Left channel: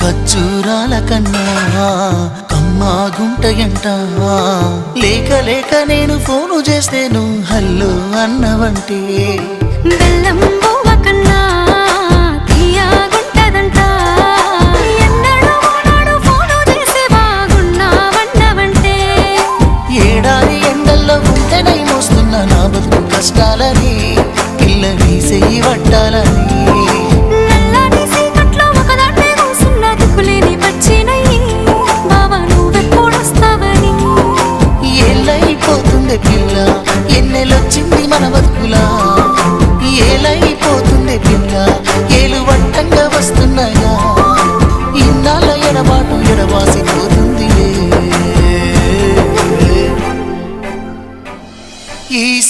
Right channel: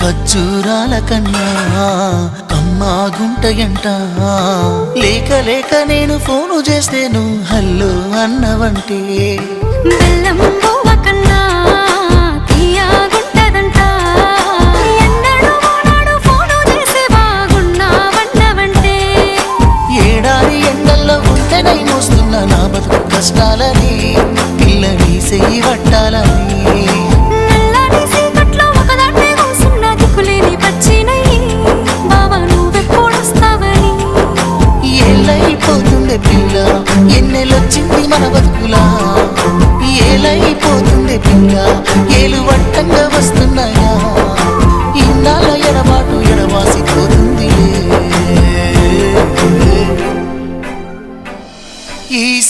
మధురాల కన్నా అమ్మా గుంటయంట లేక లేక నేను ఫోను చేస్తేను హల్లో అన్నవంటే బెల్లం కన్నా ఏడాది ఎండల్లో ఉంటేనై మోస్తున్న నా బతుకు కష్టాలని పిల్లని సెయ్యి పట్టాలని పోతుండే పిల్ల. ఎన్నెలొచ్చింది మన బతుకులా? ఏలైపోతుండే పిల్ల. ఏలు వట్టంగా వస్తున్నాయా? ఇన్నాళ్ళ ఎడబాటు ఎడవాసిపోతుందిలే ఈ